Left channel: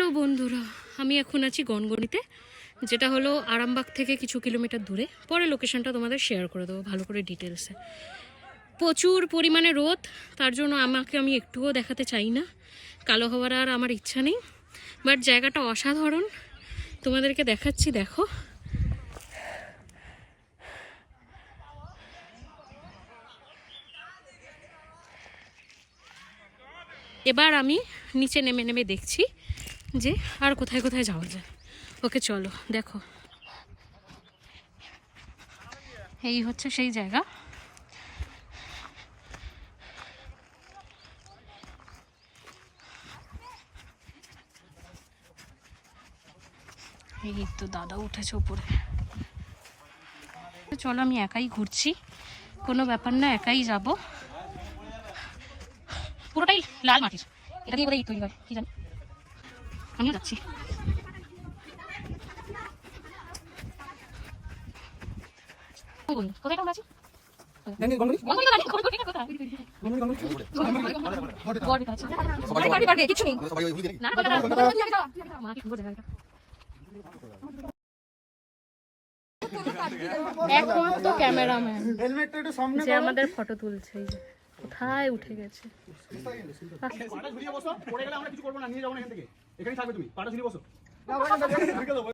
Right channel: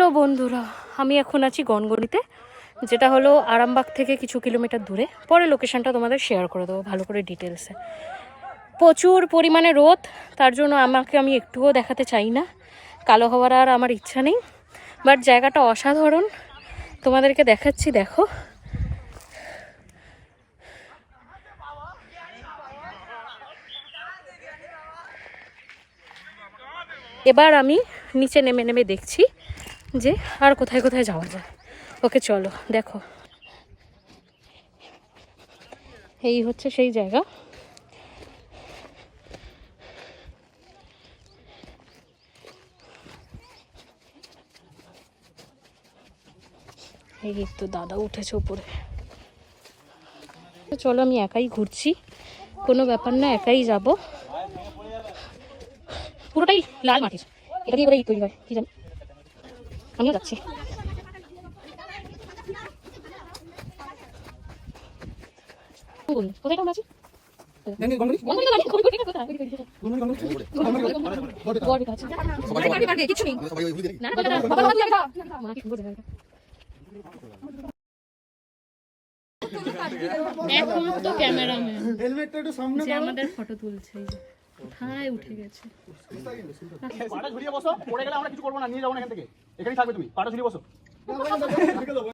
Hello বন্ধুরা, আমি এখন আছি গনগনিতে, যেটা হলো আরামবাগ থেকে কিছু কিলোমিটার দূরে। পরে লোকেশনটা তোমাদের শেয়ার করে দেবো ভালো করে ডিটেলসে। প্রচুর পরিমাণে রোদ, তার জন্য আমি একটুও দেখাতে চাই না, কালো হওয়ার আর আমার ইচ্ছা নেই। বাট জায়গাটা অসাধারণ, তোমাদেরকে দেখাচ্ছি, দেখো। এবার আমি নিচে নেমে নেমে দেখছি যে আর কোথায় কোথায় যাওয়া যায়। ওকে চলো দেখো, এই হচ্ছে সেই জায়গা। এই তো দাদা উঠেছে উপরে। চলো, আমি একাই ঘুরছি, কোনো ব্যাপার না, একাই যাব। পুরোটাই লাল মাটির, এটা দিয়ে করে তৈরি হয় কি জানি, আমিও যাচ্ছি। কোথায় কেমন আছি? একমাত্র ক্যামেরাম্যান যে আমাদের ফটো তুলছে কোথায় উঠে গেছে। পাটা ঝুলিয়ে বসো, পড়ে গেলে আমরা কিছু করবো না, নিয়ে যাবো না এখান থেকে, এখানেই থাকবে তুমি, পাটা ঝুলিয়ে বসো।